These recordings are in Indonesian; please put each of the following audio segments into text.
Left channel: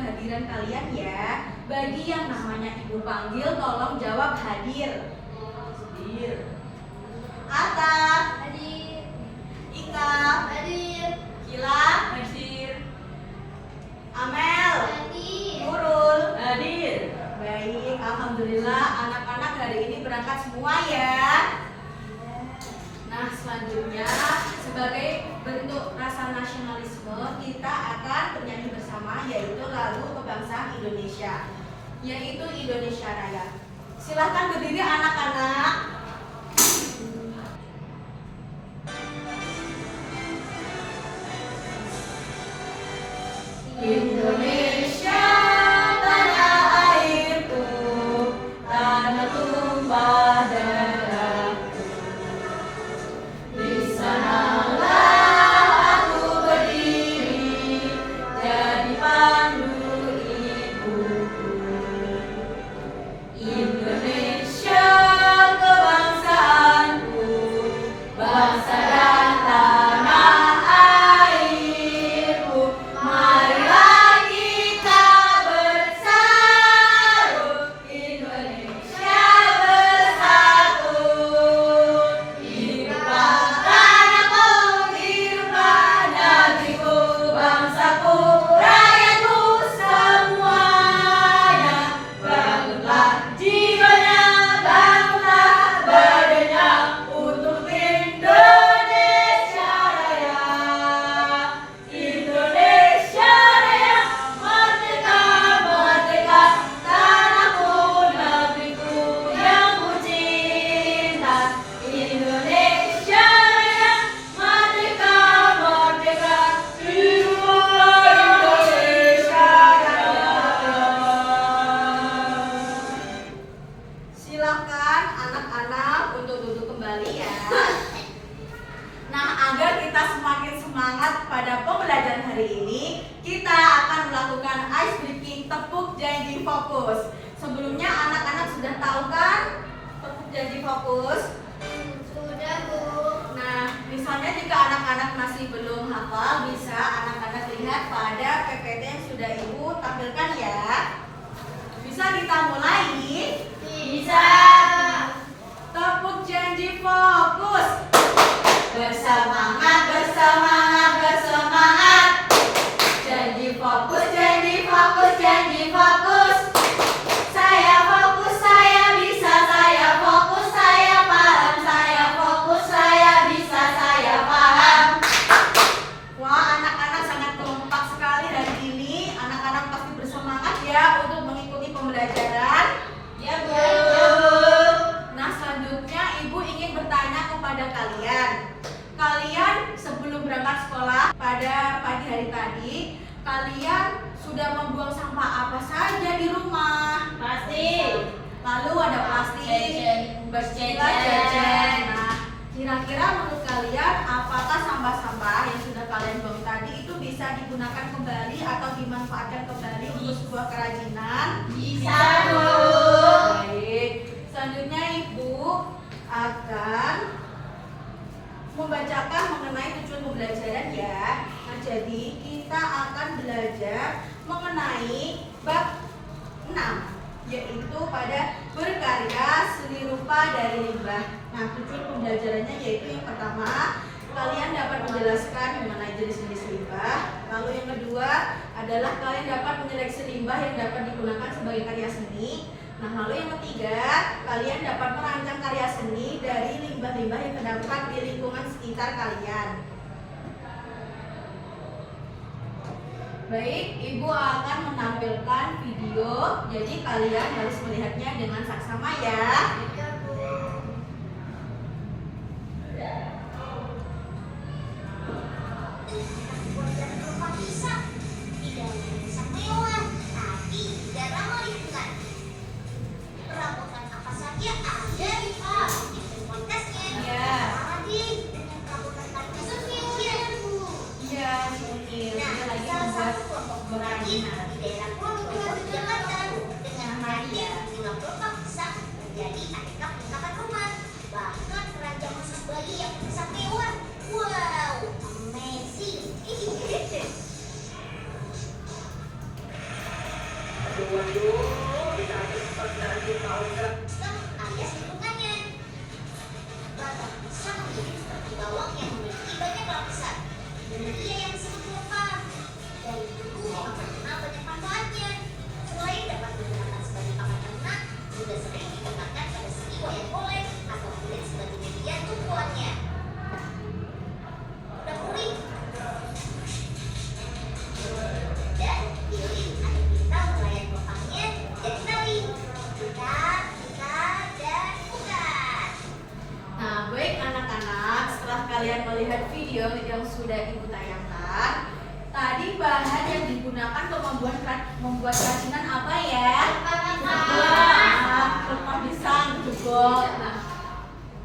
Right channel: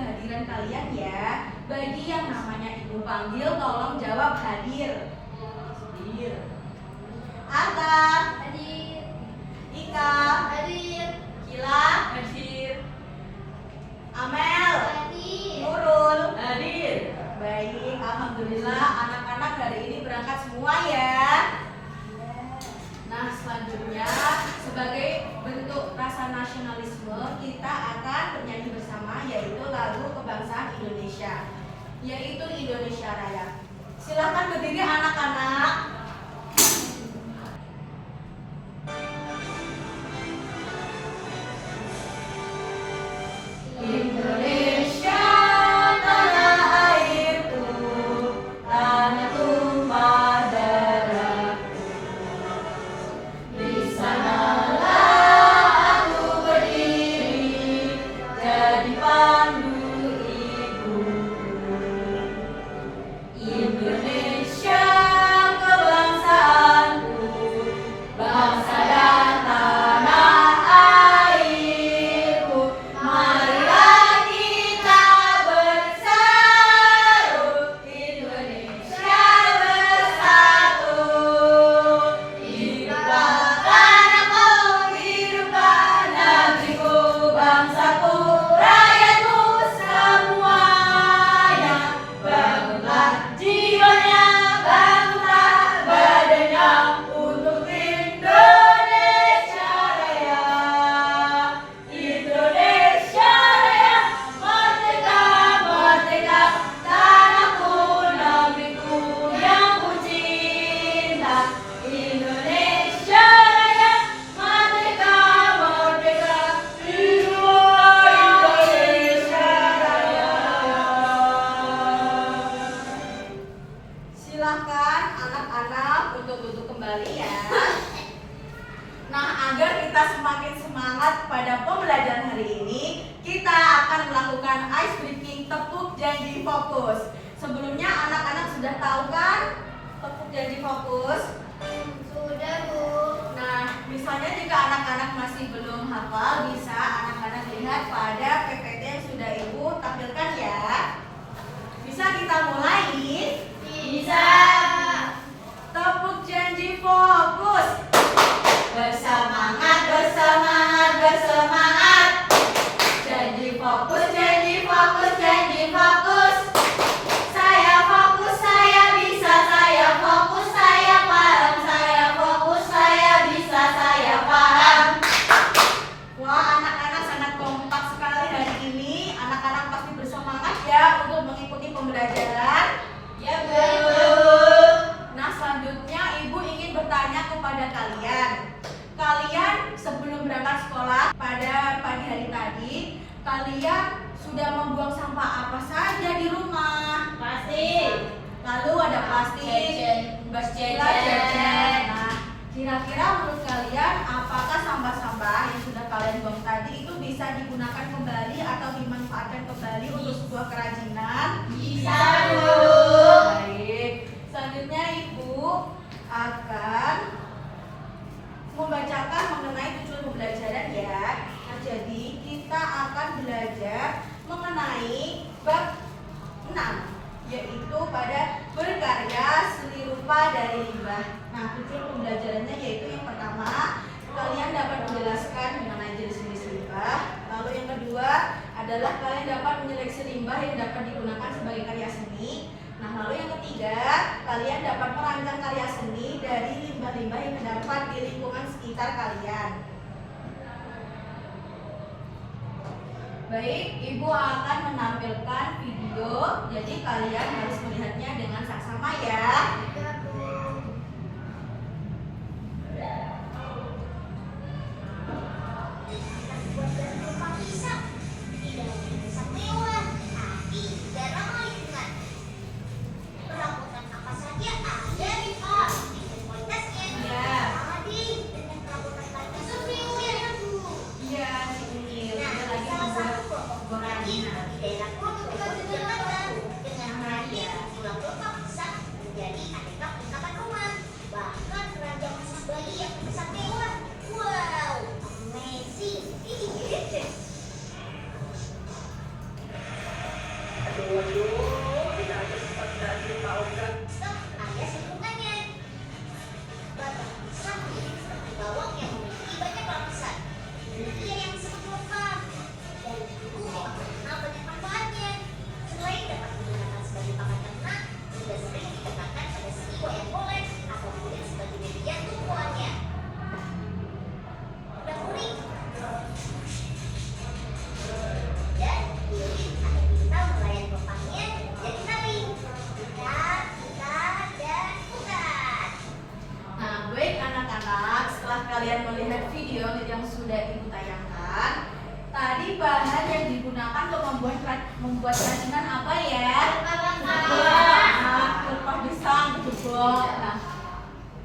kehadiran kalian ya. Bagi yang namanya ibu panggil, tolong jawab hadir. Hadir. Atta. Hadir. Ika. Hadir. Kila. Hadir. Amel. Hadir. Nurul. Hadir. Baik, alhamdulillah anak-anak hari ini berangkat semua ya. Nah, selanjutnya sebagai bentuk rasa nasionalisme kita akan bernyanyi bersama, yaitu lagu kebangsaan Indonesia, yaitu Indonesia Raya. Silahkan berdiri anak-anak. Indonesia tanah airku, tanah tumpah darahku. Di sanalah aku berdiri, jadi pandu ibuku. Indonesia kebangsaanku, bangsa dan tanah airku. Marilah kita bersatu, Indonesia bersatu. Hiduplah tanahku, hiduplah negeriku, bangsaku, rakyatku semuanya. Bangunlah jiwanya, bangunlah badannya untuk Indonesia Raya. Indonesia Raya, merdeka, merdeka, tanahku, negeriku yang ku cinta. Indonesia Raya, merdeka, merdeka, hiduplah Indonesia Raya. Silakan anak-anak untuk duduk kembali ya. Nah, agar kita semakin semangat pada pembelajaran hari ini, kita akan melakukan ice breaking tepuk janji fokus. Sebelumnya anak-anak sudah tahu kan tepuk janji fokus? Sudah, Bu. Nah, misalnya jika anak-anak masih belum hafal, bisa anak-anak lihat pada PPT yang sudah Ibu tampilkan ya. Bisa kita mulai? Bisa. Tepuk janji fokus. Bersemangat, bersemangat, bersemangat. Janji fokus, janji fokus, janji fokus. Saya fokus, saya bisa, saya fokus, saya paham, saya fokus, saya bisa, saya paham. Wah, anak-anak sangat kompak sekali hari ini. Anak-anak pasti bersemangat ya untuk mengikuti pembelajaran. Ya, Bu. Nah, selanjutnya Ibu ingin bertanya kepada kalian. Kalian sebelum berangkat sekolah pada pagi hari tadi, kalian sudah membuang sampah apa saja di rumah? Pasti. Lalu ada plastik, Jajan, baskelah, jajan. Nah, kira-kira menurut kalian apakah sampah-sampah yang sudah kalian buang tadi itu bisa digunakan kembali atau dimanfaatkan kembali untuk sebuah kerajinan? Bisa, Bu. Baik. Selanjutnya Ibu akan membacakan mengenai tujuan pembelajaran ya. Nah, jadi kita akan belajar mengenai bab 6, yaitu pada berkarya seni rupa dari limbah. Nah, tujuan pembelajarannya yaitu yang pertama, kalian dapat menjelaskan mengenai jenis-jenis limbah. Lalu yang kedua adalah kalian dapat menyeleksi limbah yang dapat digunakan sebagai karya seni. Nah, lalu yang ketiga, kalian dapat merancang karya seni dari limbah-limbah yang terdapat di lingkungan sekitar kalian. Baik, Ibu akan menampilkan video, jadi kalian harus melihatnya dengan saksama ya. Ya, Bu. Iya, si Unil, dia lagi membuat gorengan. Dengan Maria, 20 bisa menjadi aneka alias lingkungannya. Batang pisang menjadi seperti bawang yang memiliki banyak lapisan. Ia yang disebut lokal. Dari dulu akan mengenal banyak manfaatnya. Selain dapat digunakan sebagai pakan ternak, juga sering digunakan pada seni wayang golek atau kulit sebagai media tumbuhannya. Udah kuning. Dan pilih ada kita melayan bapaknya jadi nari. Kita, dan bukan. Nah, baik anak-anak, setelah kalian melihat video yang sudah Ibu tayangkan, tadi bahan yang digunakan untuk membuat kerajinan apa ya? Pelepah pisang, jebol. Nah,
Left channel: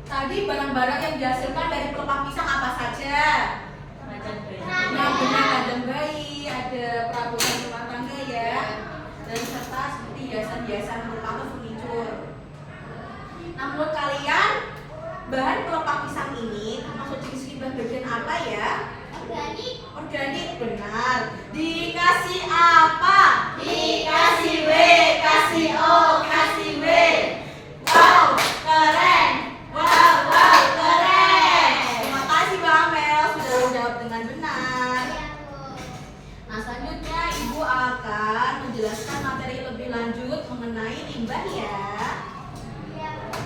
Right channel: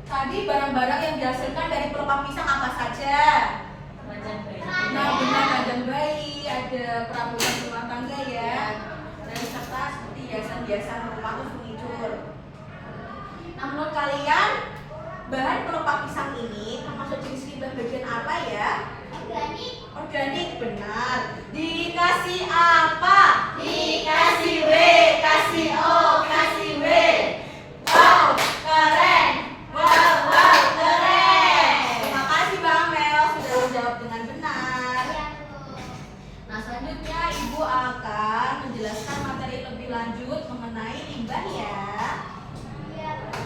tadi barang-barang yang dihasilkan dari pelepah pisang apa saja? Nah, benar, kandang bayi, ada perabotan rumah tangga ya, dan serta seperti hiasan-hiasan rumah atau furnitur. Nah, menurut kalian bahan pelepah pisang ini termasuk jenis limbah bagian apa ya? Organik. Organik, benar. Dikasih apa? Dikasih W, kasih O, kasih W. Wow, keren. Wow, keren. Terima kasih Bang Mel sudah menjawab dengan benar. Ya, Bu. Nah, selanjutnya Ibu akan menjelaskan materi lebih lanjut mengenai limbah ya. Ya, Bu.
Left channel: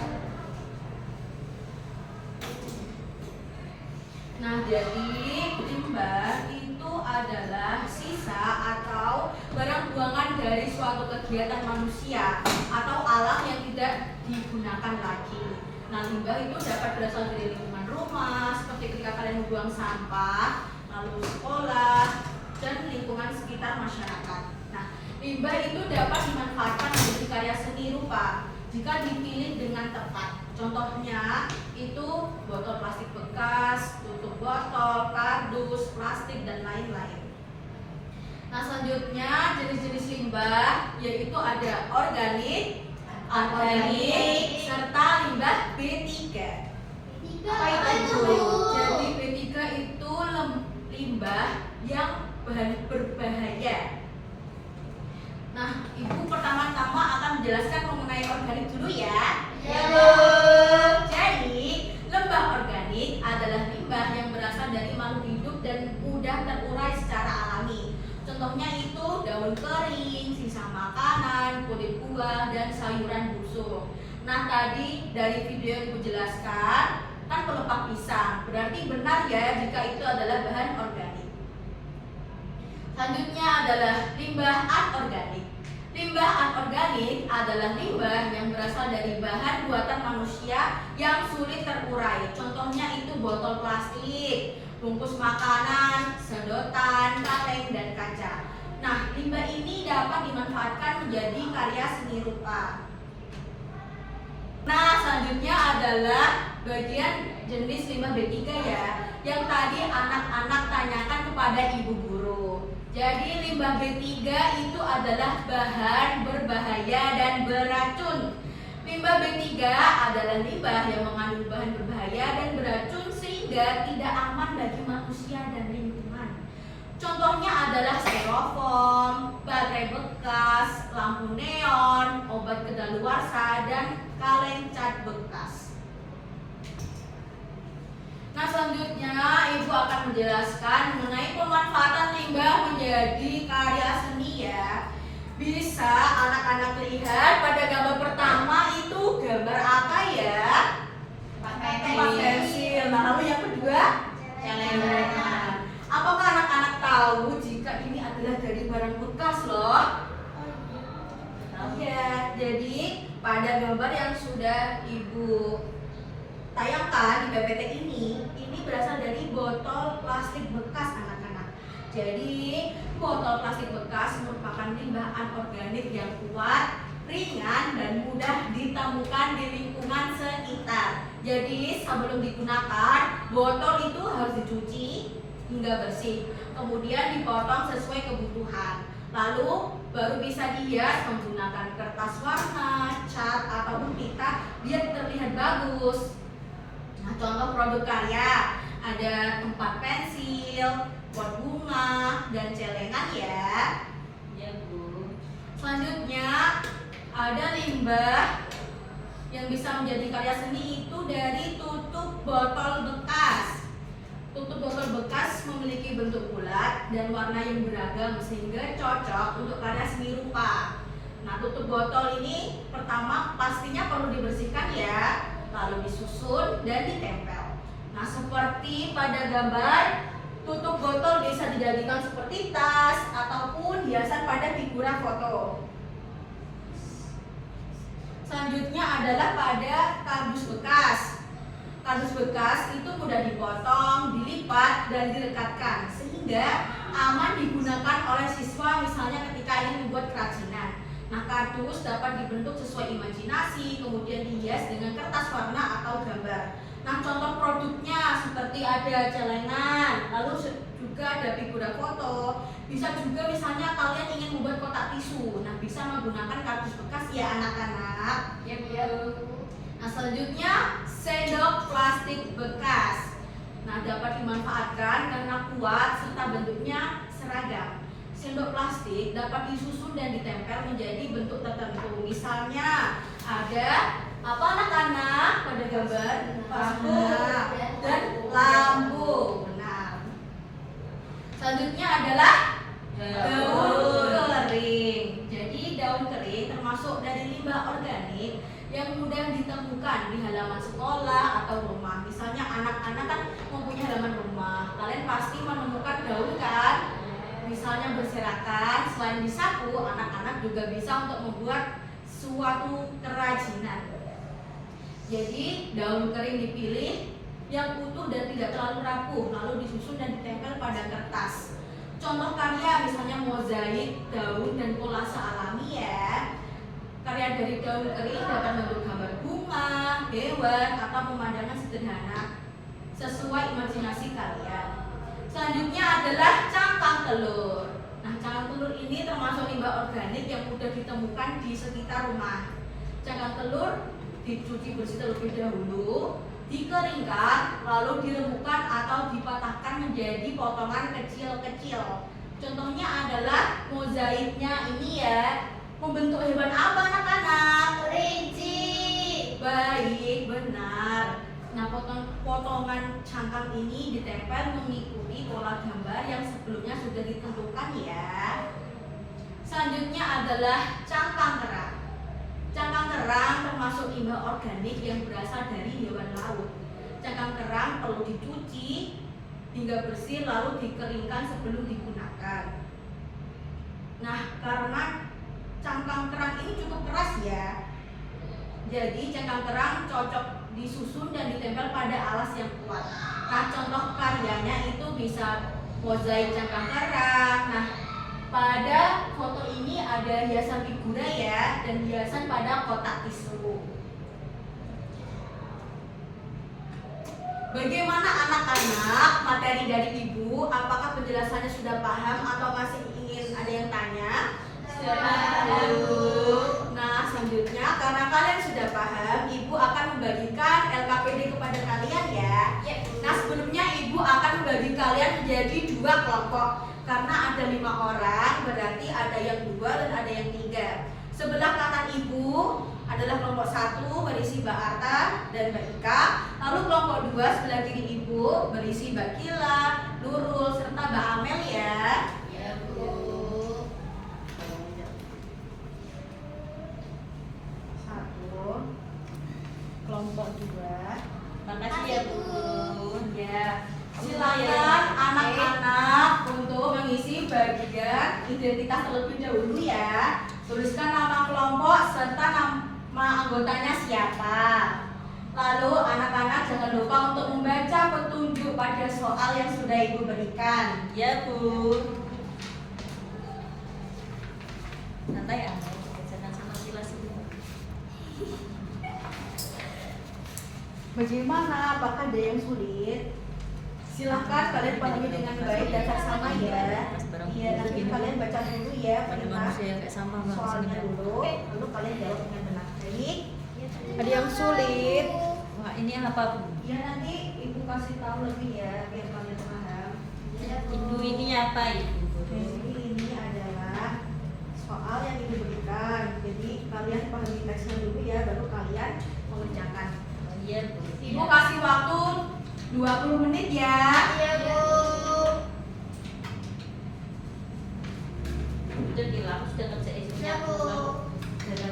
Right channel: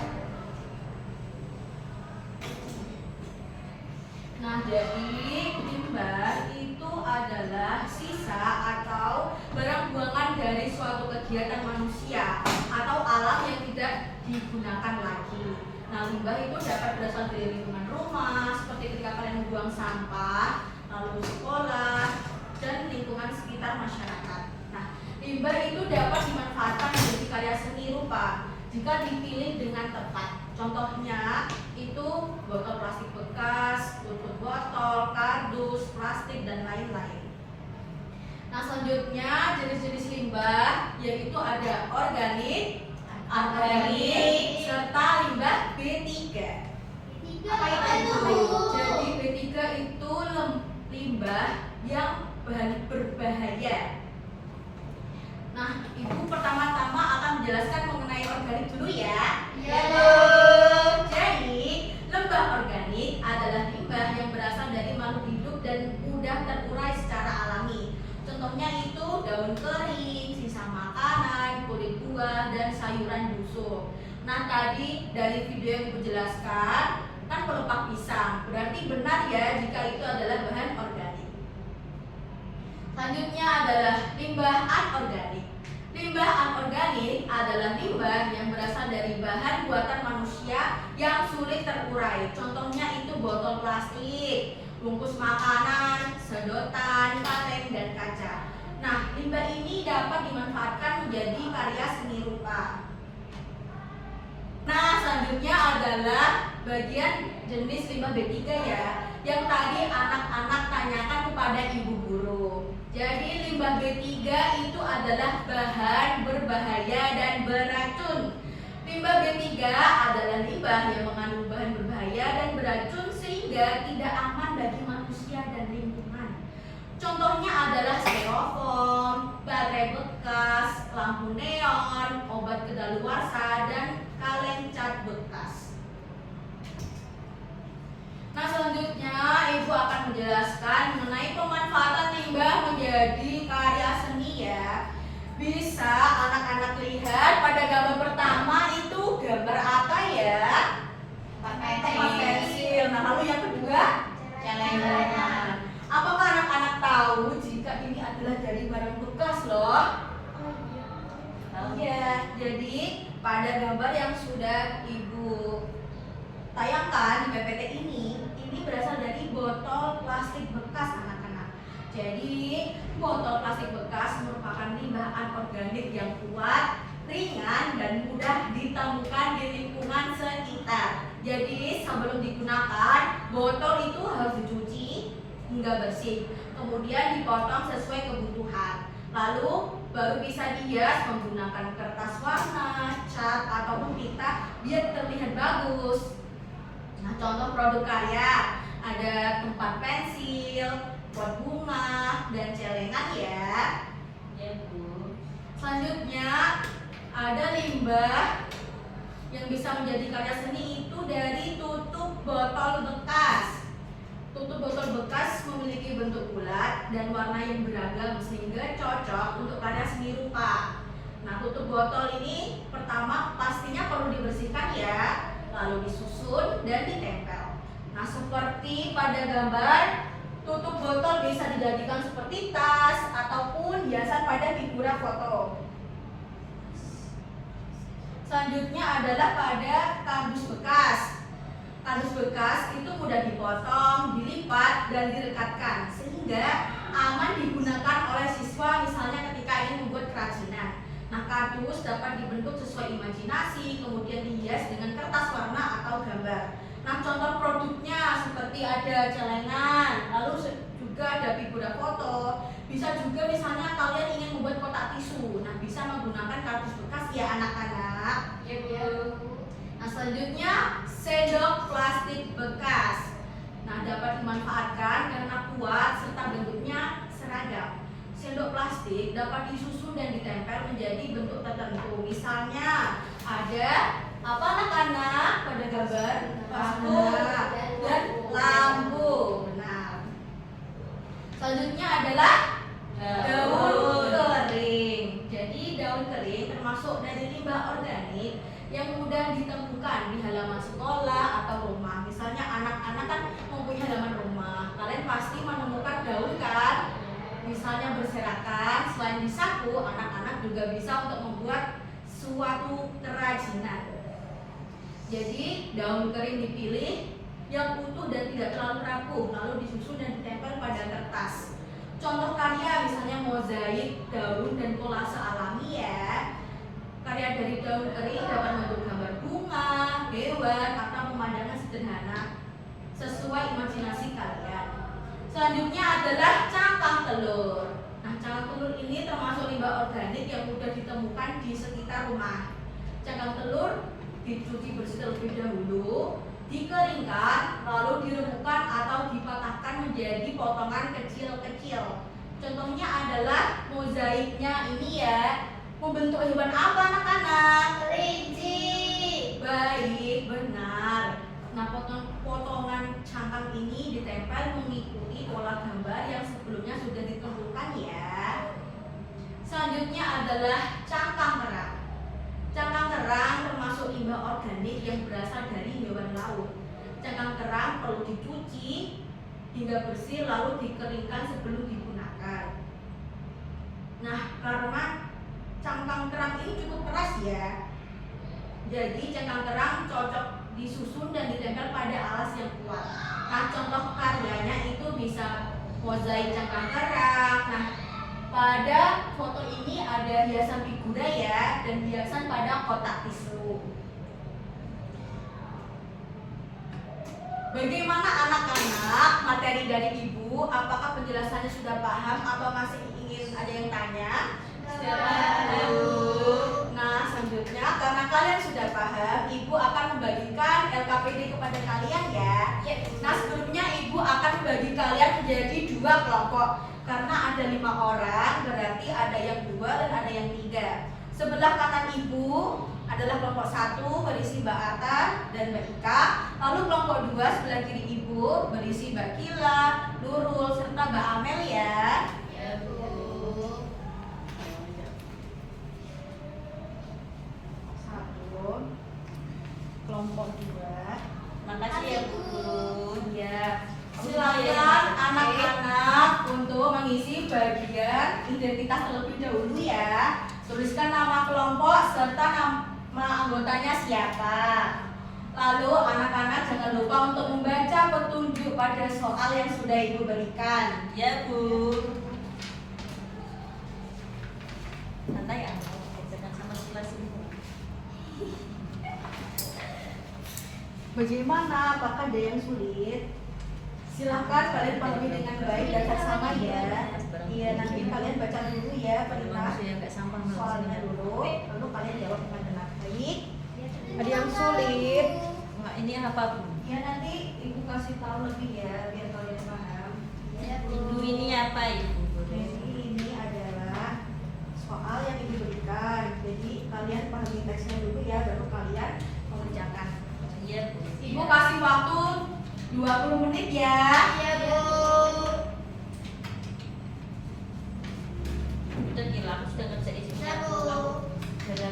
Nah, jadi limbah itu adalah sisa atau barang buangan dari suatu kegiatan manusia atau alat yang tidak digunakan lagi. Nah, limbah itu dapat berasal dari lingkungan rumah, seperti ketika kalian buang sampah, lalu sekolah, dan lingkungan sekitar masyarakat. Nah, limbah itu dapat dimanfaatkan menjadi karya seni rupa jika dipilih dengan tepat. Contohnya itu botol plastik bekas, tutup botol, kardus, plastik, dan lain-lain. Nah, selanjutnya jenis-jenis limbah yaitu ada organik, anorganik, serta limbah B3. Tiga Apa apa itu? Bu? Jadi B3 itu limbah yang berbahaya. Nah, Ibu pertama-tama akan menjelaskan mengenai organik dulu ya. Ya, Bu. Jadi, limbah organik adalah limbah yang berasal dari makhluk hidup dan mudah terurai secara alami. Contohnya itu daun kering, sisa makanan, kulit buah, dan sayuran busuk. Nah, tadi dari video yang Ibu jelaskan kan pelepah pisang. Berarti benar ya jika itu adalah bahan organik. Selanjutnya adalah limbah anorganik. Limbah anorganik adalah limbah yang berasal dari bahan buatan manusia yang sulit terurai. Contohnya itu botol plastik, bungkus makanan, sedotan, kaleng, dan kaca. Nah, limbah ini dapat dimanfaatkan menjadi karya seni rupa. Nah, selanjutnya adalah bagian jenis limbah B3 ya, yang tadi anak-anak tanyakan kepada ibu guru. Jadi limbah B3 itu adalah bahan berbahaya dan beracun. Limbah B3 adalah limbah yang mengandung bahan berbahaya dan beracun sehingga tidak aman bagi manusia dan lingkungan. Contohnya adalah styrofoam, baterai bekas, lampu neon, obat kedaluarsa, dan kaleng cat bekas. Nah, selanjutnya Ibu akan menjelaskan mengenai pemanfaatan limbah menjadi karya seni ya. Bisa anak-anak lihat pada gambar pertama itu gambar apa ya? Tempat pensil. Nah, lalu yang kedua celengan. Apakah anak-anak tahu jika ini adalah dari barang bekas loh? Iya, jadi pada gambar yang sudah Ibu tayangkan di PPT ini berasal dari botol plastik bekas anak-anak. Jadi botol plastik bekas merupakan limbah anorganik yang kuat, ringan, dan mudah ditemukan di lingkungan sekitar. Jadi sebelum digunakan, botol itu harus dicuci hingga bersih, kemudian dipotong sesuai kebutuhan. Lalu baru bisa dihias menggunakan kertas warna, cat, ataupun pita biar terlihat bagus. Nah, contoh produk karya ada tempat pensil, pot bunga, dan celengan ya. Ya, Bu. Selanjutnya ada limbah yang bisa menjadi karya seni itu dari tutup botol bekas. Tutup botol bekas memiliki bentuk bulat dan warna yang beragam sehingga cocok untuk karya seni rupa. Nah, tutup botol ini pertama pastinya perlu dibersihkan ya, lalu disusun dan ditempel. Nah, seperti pada gambar, tutup botol bisa dijadikan seperti tas ataupun hiasan pada figura foto. Selanjutnya adalah pada kardus bekas. Kardus bekas itu mudah dipotong, dilipat, dan direkatkan sehingga aman digunakan oleh siswa misalnya ketika ingin membuat kerajinan. Nah, kardus dapat dibentuk sesuai imajinasi, kemudian dihias dengan kertas warna atau gambar. Nah, contoh produknya seperti ada celengan, lalu juga ada figura foto. Bisa juga misalnya kalian ingin membuat kotak tisu. Nah, bisa menggunakan kardus bekas ya anak-anak. Ya. Nah, selanjutnya sendok plastik bekas. Nah, dapat dimanfaatkan karena kuat serta bentuknya seragam. Sendok plastik dapat disusun dan ditempel menjadi bentuk tertentu. Misalnya ada apa anak-anak pada gambar lampu dan lampu. Benar. Selanjutnya adalah daun kering. Jadi daun kering termasuk dari limbah organik yang mudah ditemukan di halaman sekolah atau rumah. Misalnya anak-anak kan mempunyai halaman rumah, kalian pasti menemukan daun kan? Misalnya berserakan, selain disapu, anak-anak juga bisa untuk membuat suatu kerajinan. Jadi daun kering dipilih yang utuh dan tidak terlalu rapuh, lalu disusun dan ditempel pada kertas. Contoh karya misalnya mozaik, daun, dan kolase alami ya. Karya dari daun kering dapat membentuk gambar bunga, hewan, atau pemandangan sederhana sesuai imajinasi kalian. Selanjutnya adalah cangkang telur. Nah, cangkang telur ini termasuk limbah organik yang mudah ditemukan di sekitar rumah. Cangkang telur dicuci bersih terlebih dahulu, dikeringkan, lalu dirembukan atau dipatahkan menjadi potongan kecil-kecil. Contohnya adalah mozaiknya ini ya. Membentuk hewan apa anak-anak? Kelinci. Baik, benar. Nah, potongan cangkang ini ditempel mengikuti pola gambar yang sebelumnya sudah ditentukan ya. Selanjutnya adalah cangkang kerang. Cangkang kerang termasuk limbah organik yang berasal dari hewan laut. Cangkang kerang perlu dicuci hingga bersih lalu dikeringkan sebelum digunakan. Nah, karena cangkang kerang ini cukup keras ya, jadi cangkang kerang cocok disusun dan ditempel pada alas yang kuat. Nah, contoh karyanya itu bisa mozaik cangkang kerang. Nah, pada foto ini ada hiasan figura ya, dan hiasan pada kotak tisu. Bagaimana anak-anak materi dari ibu? Apakah penjelasannya sudah paham atau masih ingin ada yang tanya? Nah, selanjutnya karena kalian sudah paham, ibu akan membagikan LKPD kepada kalian ya. Nah, sebelumnya ibu akan membagi kalian menjadi 2 kelompok. Karena ada 5 orang, berarti ada yang 2 dan ada yang 3. Sebelah kanan ibu adalah kelompok 1 berisi Mbak Arta dan Mbak Ika. Lalu kelompok 2 sebelah kiri ibu berisi Mbak Kila, Nurul, serta Mbak Amel ya. Ya, Bu. Kelompok 2. Makasih ya, Bu. Ya, silakan anak-anak untuk mengisi bagian identitas terlebih dahulu ya. Tuliskan nama kelompok serta nama anggotanya siapa. Lalu anak-anak jangan lupa untuk membaca petunjuk pada soal yang sudah ibu berikan. Ya, Bu. Santai ya, jangan sama kilas ini. Bagaimana? Apakah ada yang sulit? Silahkan kalian pahami dengan baik dan seksama ya. Iya, nanti kalian baca dulu ya perintah soalnya dulu, lalu kalian jawab dengan benar. Baik. Ada yang sulit? Wah, ini apa, Bu? Ya nanti ibu kasih tahu lebih ya biar kalian paham. Ibu ini apa, Ibu? Jadi ini adalah soal yang ibu berikan. kalian pahami teksnya dulu ya, baru kalian mengerjakan. Iya, Bu. Ibu kasih waktu 20 menit ya. Iya, Bu. Udah hilang, sudah ngerjain Iya, Bu.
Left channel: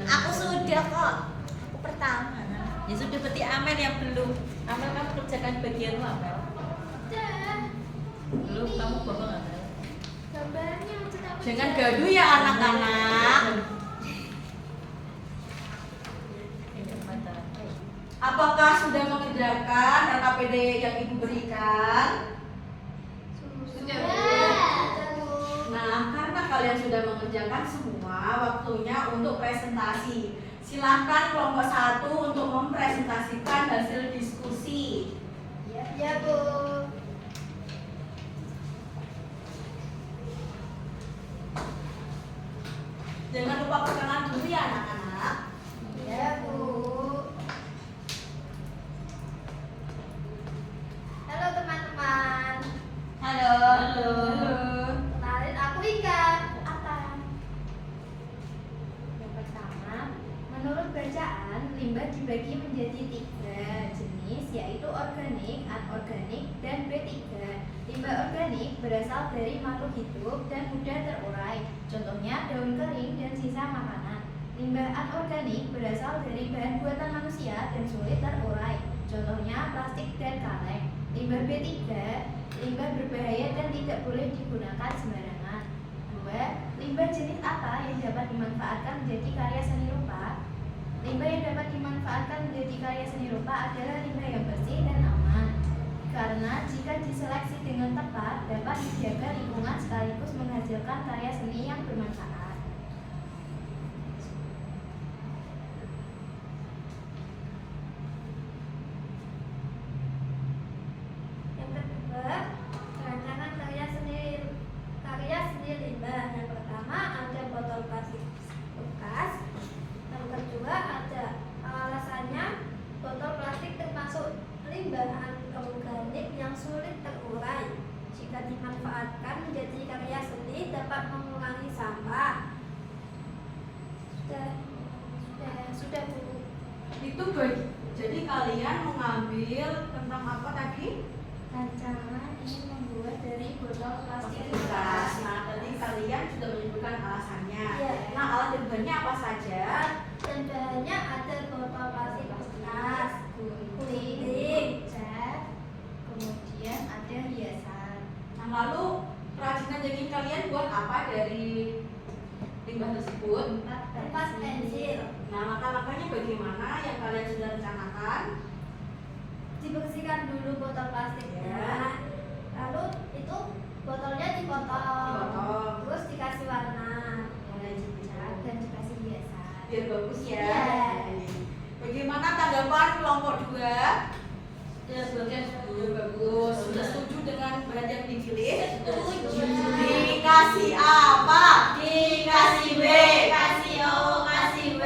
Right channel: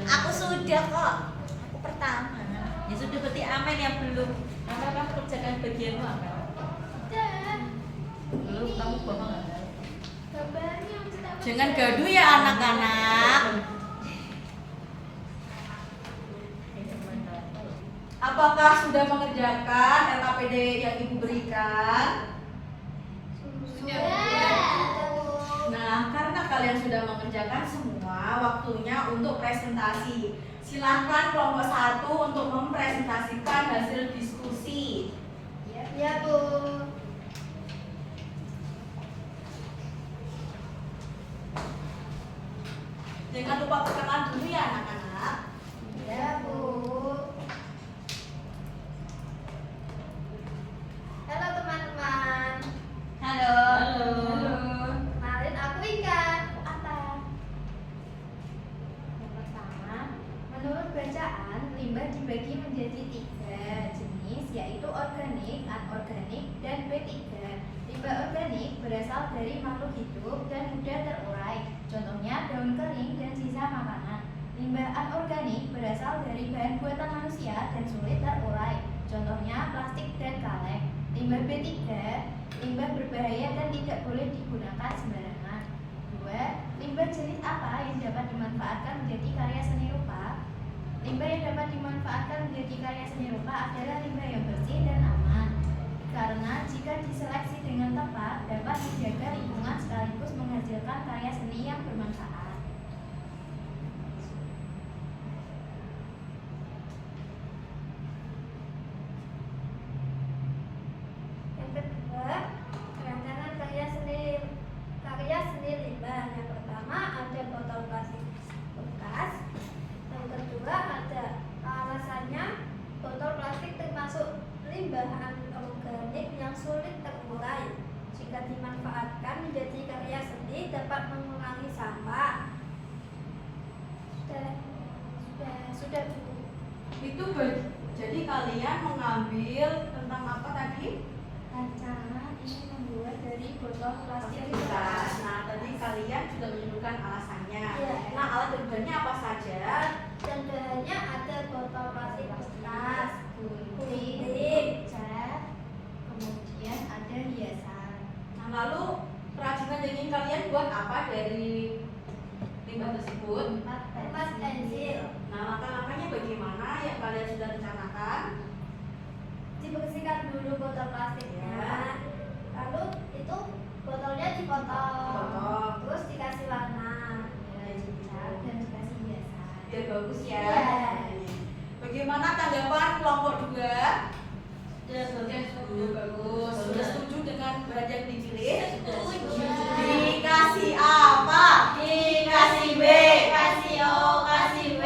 Aku sudah kok. Aku pertama. Ya sudah, berarti Amel yang belum. Amel, kamu kerjakan bagianmu, Amel. Udah. Belum, kamu bohong, Amel. Gambarnya udah. Jangan gaduh ya anak-anak. Ini apa ya? Apakah sudah mengerjakan RKPD yang ibu berikan? Nah, karena kalian sudah mengerjakan semua, waktunya untuk presentasi. Silahkan kelompok 1 untuk mempresentasikan hasil diskusi. Ya, Bu. Jangan lupa perkenalan dulu ya anak-anak. Ya, Bu. Halo teman-teman. Halo. Halo. Kenalin, aku Ika. Aku Atan. Yang pertama, menurut bacaan, limbah dibagi menjadi 3 jenis, yaitu organik, anorganik, dan B3. Limbah organik berasal dari makhluk hidup dan mudah terurai. Contohnya daun kering dan sisa makanan. Limbah anorganik berasal dari bahan buatan manusia dan sulit terurai. Contohnya plastik dan kaleng. Limbah B3, limbah berbahaya dan tidak boleh digunakan sembarangan. 2. Limbah jenis apa yang dapat dimanfaatkan menjadi karya seni rupa? Limbah yang dapat dimanfaatkan menjadi karya seni rupa adalah limbah yang bersih dan aman. Karena jika diseleksi dengan tepat, dapat menjaga lingkungan sekaligus menghasilkan karya seni yang bermanfaat. Yang kedua, rancangan karya seni limbah. Yang pertama ada botol plastik bekas. Yang kedua ada alasannya botol plastik termasuk limbah anorganik yang sulit terurai. Jika dimanfaatkan menjadi karya seni dapat mengurangi sampah. Sudah Bu. Itu jadi kalian mengambil tentang apa tadi? Rancangan ingin membuat dari botol plastik Bekas. bekas. Nah, tadi kalian sudah menyebutkan alasannya. Iya. Nah, alat dan bahannya apa saja? Dan bahannya ada botol plastik bekas, Gunting, cat, kemudian ada hiasan. Nah, lalu kerajinan yang ingin kalian buat apa dari limbah tersebut? Tempat pensil. Nah, langkah-langkahnya bagaimana yang kalian sudah rencanakan? Dibersihkan dulu botol plastiknya. Ya. Lalu itu botolnya dipotong. Dipotong. Terus dikasih warna, mulai dicat dan dikasih hiasan. Biar bagus ya. Iya. Bagaimana tanggapan kelompok 2? Sudah bagus. Sudah setuju dengan bahan yang dipilih? Setuju. Dikasih apa? Dikasih B, kasih O, kasih W.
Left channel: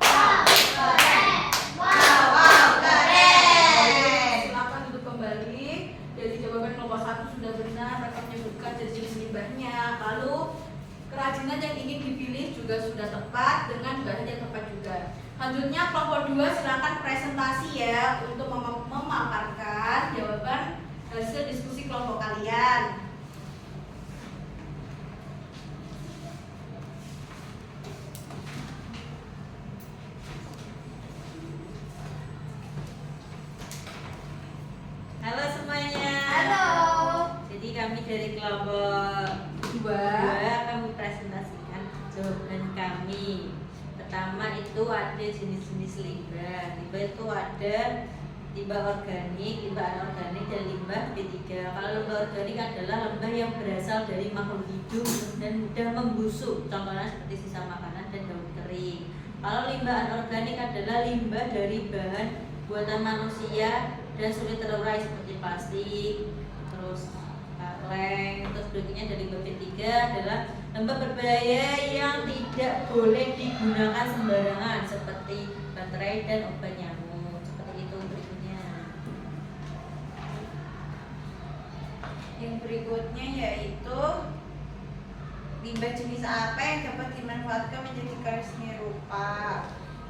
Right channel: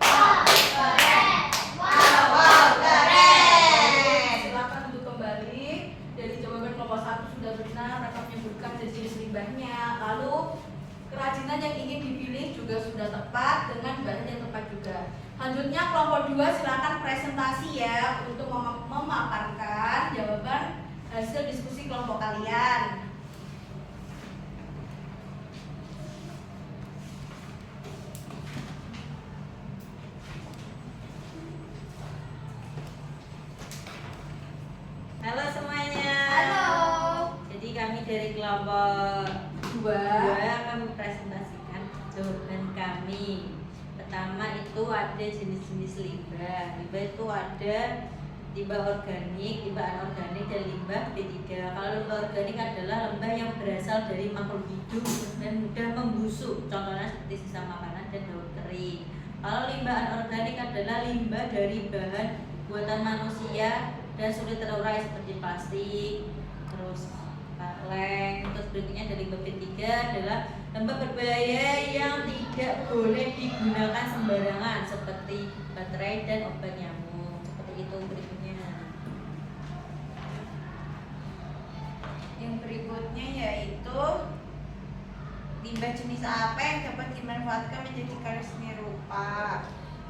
Wah, keren. Wow, keren. Silakan untuk kembali. Dari jawaban kelompok 1 sudah benar, mereka menyebutkan jenis limbahnya. Lalu kerajinan yang ingin dipilih juga sudah tepat dengan bahan yang tepat juga. Selanjutnya kelompok 2 silakan presentasi ya untuk memaparkan jawaban hasil diskusi kelompok kalian. Halo semuanya. Halo. Jadi kami dari kelompok 2 akan mempresentasikan jawaban kami. Pertama itu ada jenis-jenis limbah. Limbah itu ada limbah organik, limbah anorganik, dan limbah B3. Kalau limbah organik adalah limbah yang berasal dari makhluk hidup dan mudah membusuk. Contohnya seperti sisa makanan dan daun kering. Kalau limbah anorganik adalah limbah dari bahan buatan manusia dan sulit terurai seperti plastik, terus kaleng. Terus berikutnya dari limbah B3 adalah limbah berbahaya yang tidak boleh digunakan sembarangan seperti baterai dan obat nyamuk. Seperti itu berikutnya. Yang berikutnya yaitu limbah jenis apa yang dapat dimanfaatkan menjadi karya seni rupa?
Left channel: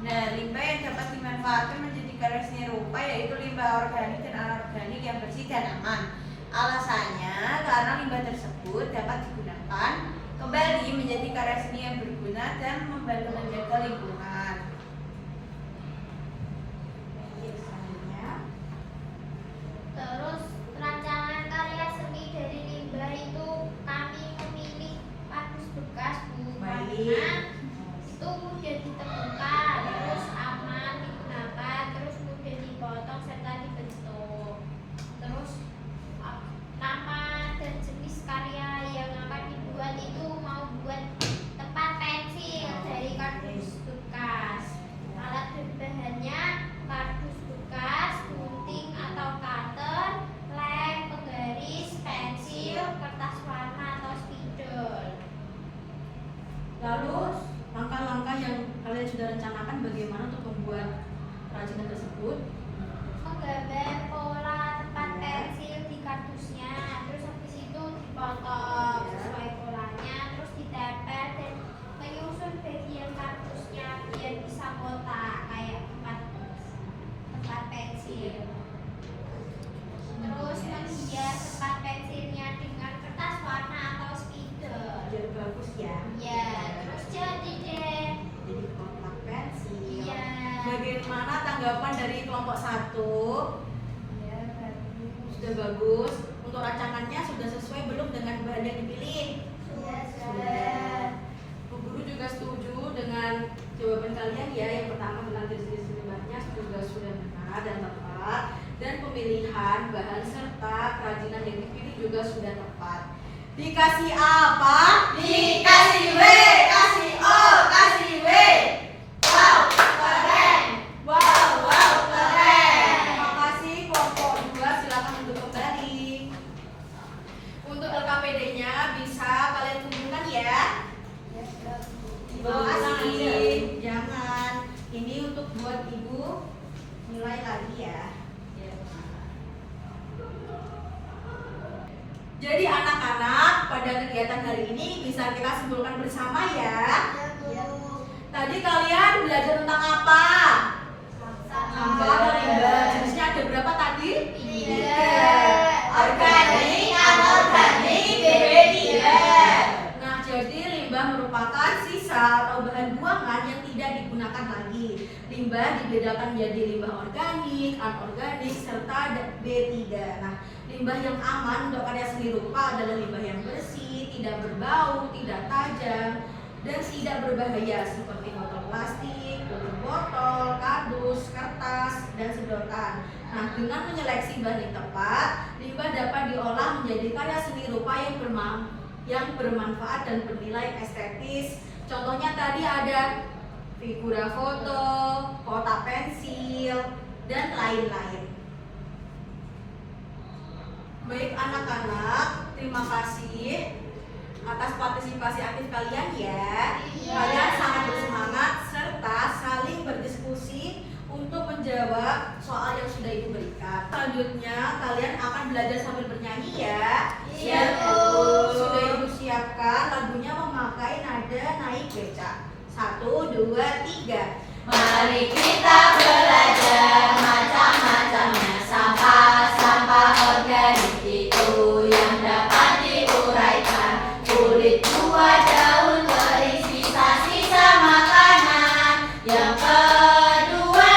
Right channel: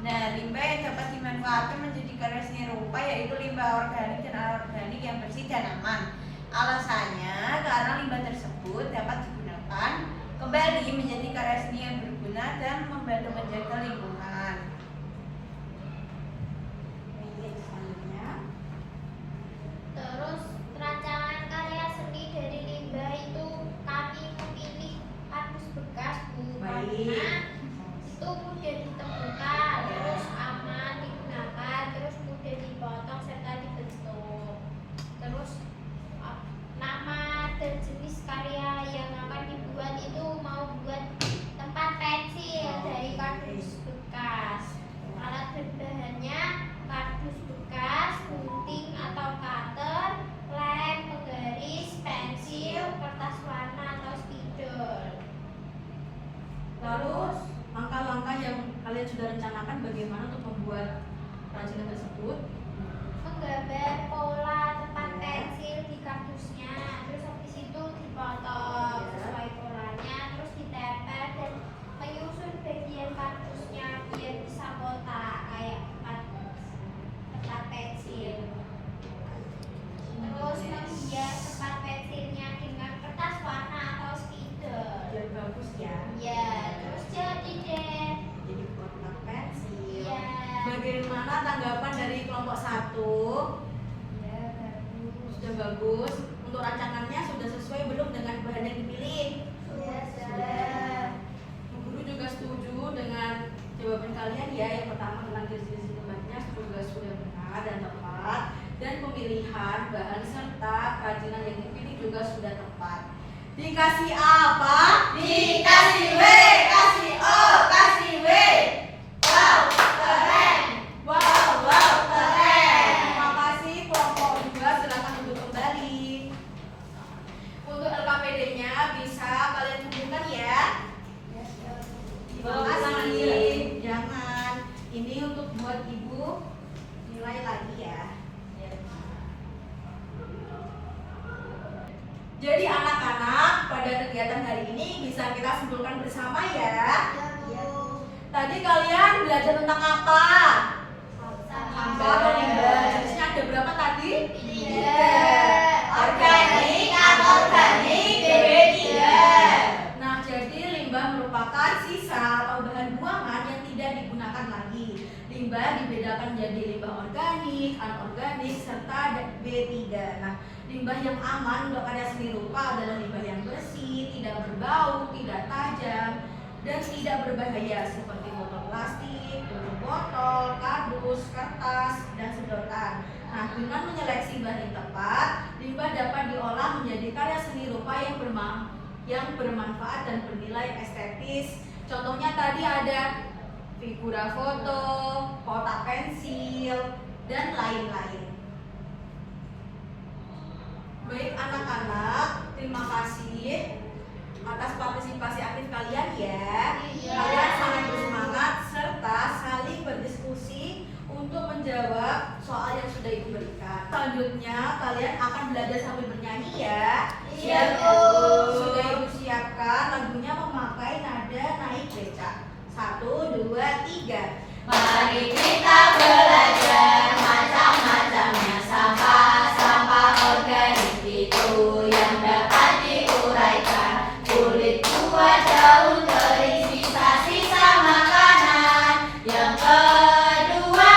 Nah, limbah yang dapat dimanfaatkan menjadi karya seni rupa yaitu limbah organik dan anorganik yang bersih dan aman. Alasannya karena limbah tersebut dapat digunakan kembali menjadi karya seni yang berguna dan membantu menjaga lingkungan. Terus rancangan karya seni dari limbah itu kami memilih kardus bekas Bu, karena Baik. itu mudah ditemukan, terus aman digunakan, terus mudah dipotong serta dibentuk. Terus nama dan jenis karya yang akan dibuat itu mau buat tempat pensil dari kardus bekas. Alat berbahannya kardus bekas, gunting atau cutter, lem, penggaris, pensil, kertas warna atau spidol. Lalu langkah-langkah yang kalian sudah rencanakan bagaimana untuk membuat kerajinan tersebut? Menggambar pola tempat pensil di kardusnya, terus habis itu dipotong sesuai polanya, terus ditempel dan menyusun bagian kardusnya biar bisa kotak kayak tempat pensil. Terus menghias tempat pensilnya dengan kertas warna atau spidol. Biar bagus ya. Ya, terus jadi deh. Jadi kotak pensil. Ya. Bagaimana tanggapan dari kelompok 1? Ya, bagus. Sudah bagus. Untuk rancangannya sudah sesuai belum dengan bahan yang dipilih? Sudah. Bu Guru juga setuju dengan jawaban kalian ya. Yang pertama tentang jenis limbahnya juga sudah benar dan tepat, dan pemilihan bahan serta kerajinan yang dipilih juga sudah tepat. Dikasih apa? Dikasih W, kasih O, kasih W. Wow, keren. Wow, keren. Terima kasih kelompok 2, silakan untuk kembali. Untuk LKPD-nya bisa kalian kumpulkan ya. Terima kasih. Jangan. Ini untuk buat ibu nilai lagi ya. Jadi anak-anak pada kegiatan hari ini bisa kita simpulkan bersama ya. Tadi kalian belajar tentang apa? Sampah dan limbah. Jenisnya ada berapa tadi? 3. Organik, anorganik, DB3. Nah, jadi limbah merupakan sisa atau bahan buangan yang tidak digunakan lagi. Limbah dibedakan menjadi limbah organik, anorganik, serta B3. Nah, limbah yang aman untuk karya seni rupa adalah limbah yang bersih, tidak berbau, tidak tajam, dan tidak berbahaya seperti botol plastik, tutup botol, kardus, kertas, dan sedotan. Nah, dengan menyeleksi bahan yang tepat, limbah dapat diolah menjadi karya seni rupa yang bermanfaat dan bernilai estetis. Contohnya tadi ada figura foto, kotak pensil, dan lain-lain. Baik anak-anak, terima kasih atas partisipasi aktif kalian ya. Kalian sangat bersemangat serta saling berdiskusi untuk menjawab soal yang sudah ibu berikan. Selanjutnya kalian akan belajar sambil bernyanyi ya. Iya, Bu. Sudah ibu siapkan lagunya memakai nada naik becak. 1, 2, 3. Mari kita belajar macam-macamnya sampah organik itu yang dapat diuraikan. Kulit buah, daun kering, sisa-sisa makanan. Yang kedua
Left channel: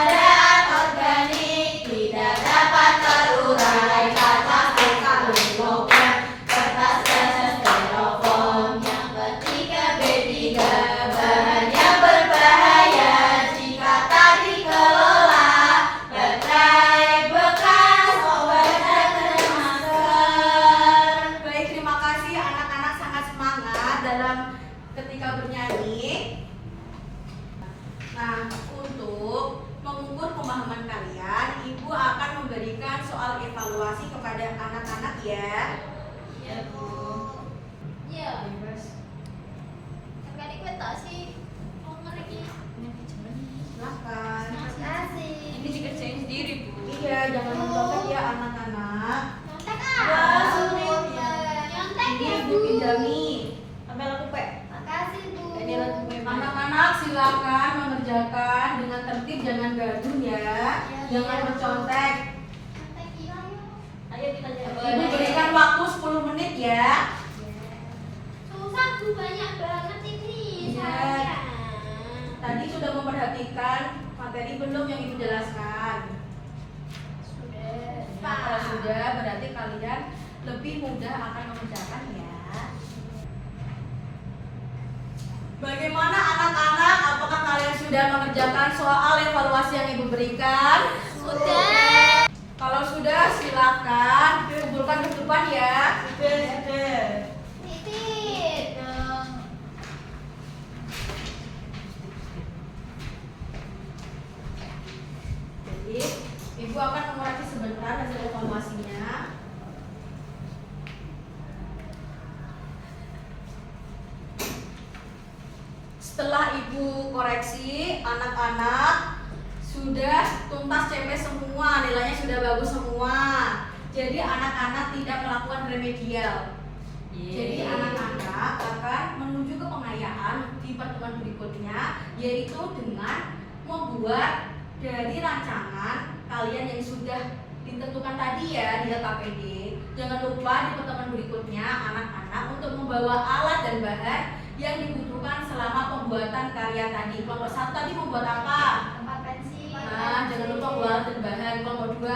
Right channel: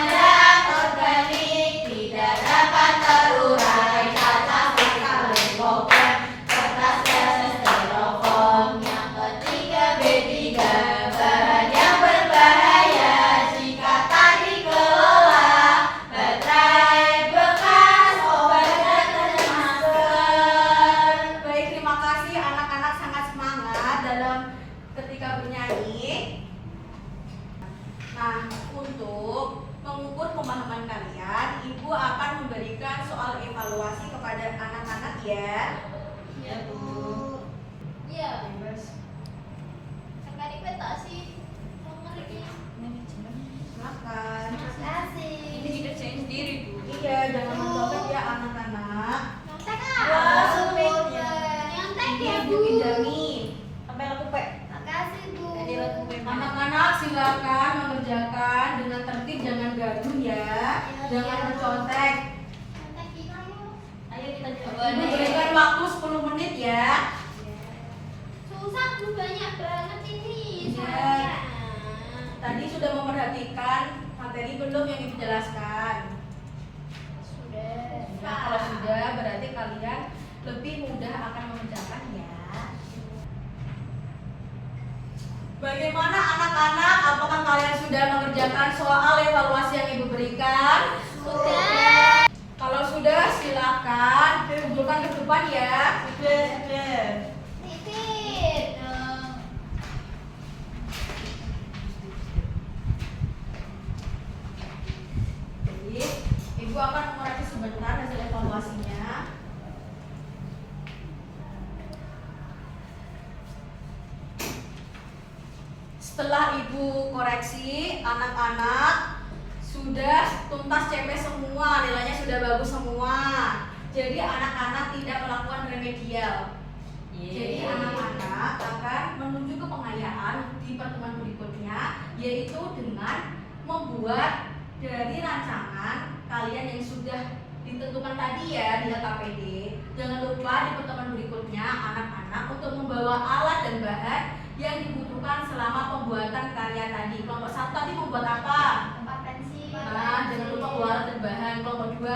ada organik, tidak dapat terurai. Kaca kaleng, logam, kertas dan styrofoam. Yang ketiga B3, bahan yang berbahaya jika tak dikelola. Baterai bekas, obat dan masker. Baik, terima kasih anak-anak sangat semangat dalam ketika bernyanyi. Nah, untuk mengukur pemahaman kalian, ibu akan memberikan soal evaluasi kepada anak-anak ya. Ya, Bu. Iya. Bebas. Sekali betul sih. Ngerinya. Silakan. Terima kasih. Ini dikerjain sendiri, Bu. Iya, jangan mencontek ya anak-anak. Nyontek Wah, ah. sulit. Nyontek Ini ya, ibu Bu. pinjami. silakan mengerjakan dengan tertib, jangan gaduh ya, jangan mencontek. Ayo kita coba. Ibu berikan waktu 10 menit ya. Susah tuh, banyak banget ini. Iya. Tadi sudah memperhatikan materi belum yang Ibu jelaskan? Sudah. Nah, kalau sudah berarti kalian lebih mudah akan mengerjakan ya. Bagaimana anak-anak? Apakah kalian sudah mengerjakan soal evaluasi yang Ibu berikan? Sudah. Kalau sudah silakan kumpulkan ke depan ya. Sudah. Titip dong. Jadi, Ibu akan mengurangi sebentar hasil evaluasinya. Setelah Ibu koreksi, anak-anak sudah tuntas CP semua, nilainya sudah bagus semua. Jadi anak-anak tidak melakukan remedial. Jadi anak-anak akan menuju ke pengayaan di pertemuan berikutnya, yaitu dengan membuat dari rancangan kalian yang sudah ditentukan tadi ya di KPD. Jangan lupa di pertemuan berikutnya anak-anak untuk membawa alat dan bahan yang dibutuhkan selama pembuatan karya tadi. Kelompok 1 tadi membuat apa? Tempat pensil. Nah, jangan lupa membawa alat dan bahan. Kelompok 2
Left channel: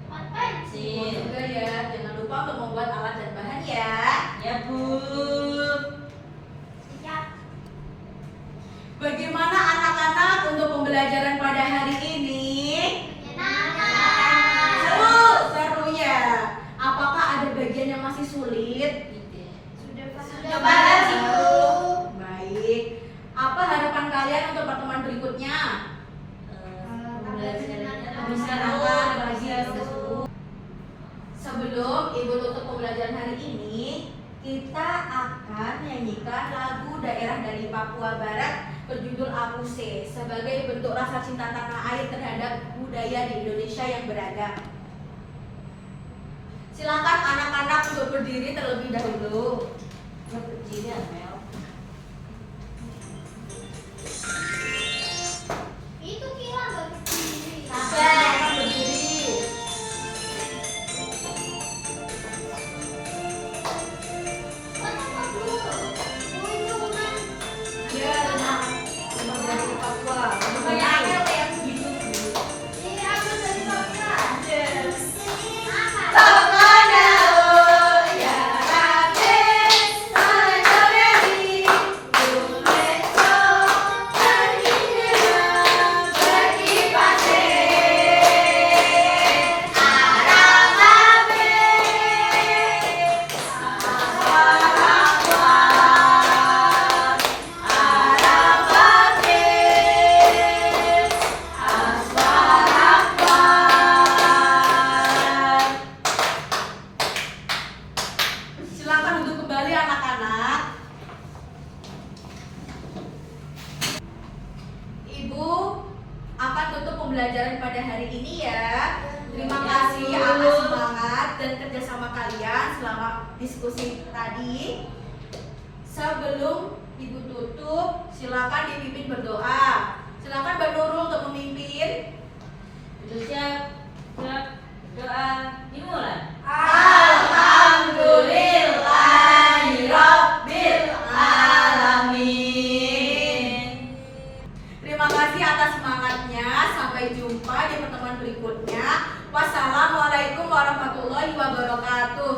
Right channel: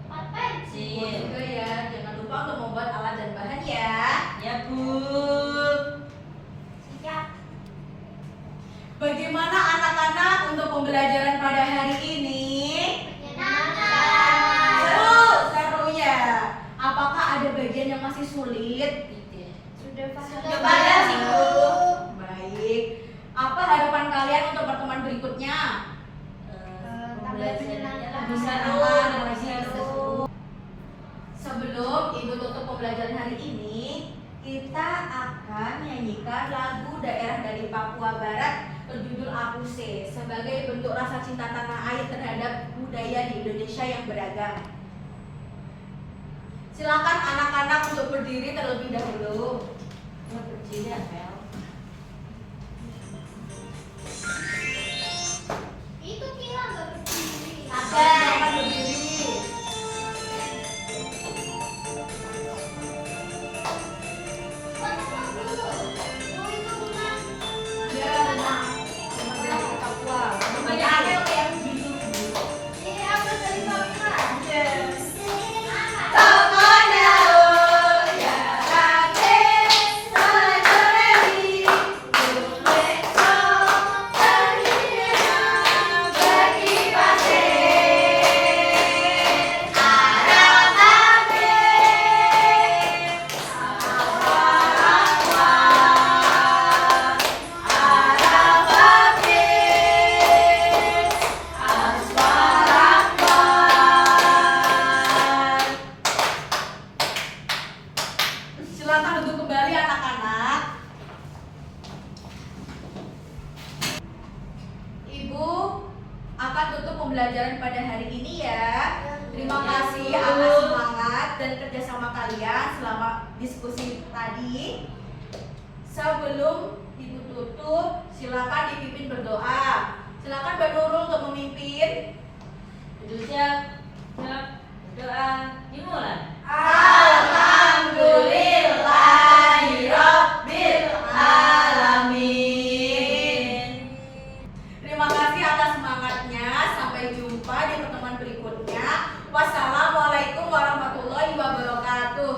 Tempat pensil. juga ya. Jangan lupa untuk membuat alat dan bahan ya. Ya Bu. Siap. Bagaimana anak-anak untuk pembelajaran pada hari ini? Menyenangkan. Seru ya. Apakah ada bagian yang masih sulit? Sudah banyak sih, Bu. Baik. Apa harapan kalian untuk pertemuan berikutnya? Pembelajarannya Bisa seru, lagi seru. seru. Sebelum Ibu tutup pembelajaran hari ini, kita akan nyanyikan lagu daerah dari Papua Barat berjudul Apuse sebagai bentuk rasa cinta tanah air terhadap budaya di Indonesia yang beragam. Silakan anak-anak untuk berdiri terlebih dahulu. Berdiri ya, Mel. Itu kira nggak berdiri. Silakan berdiri. Mana Bu? Oh itu bukan. Ya, nah, dari Papua. Banyak yang gitu. Iya, aku dari Papua. Apa? Silakan duduk kembali anak-anak. Ibu akan tutup pembelajaran pada hari ini ya. Terima kasih atas semangat dan kerjasama kalian selama diskusi tadi. Sebelum Ibu tutup, silakan dipimpin berdoa. Silakan Mbak Nurul untuk memimpin. Siap. Siap. Doa dimulai. Alhamdulillahirabbil alamin. Terima kasih atas semangatnya. Sampai jumpa di pertemuan berikutnya. Wassalamualaikum warahmatullahi wabarakatuh.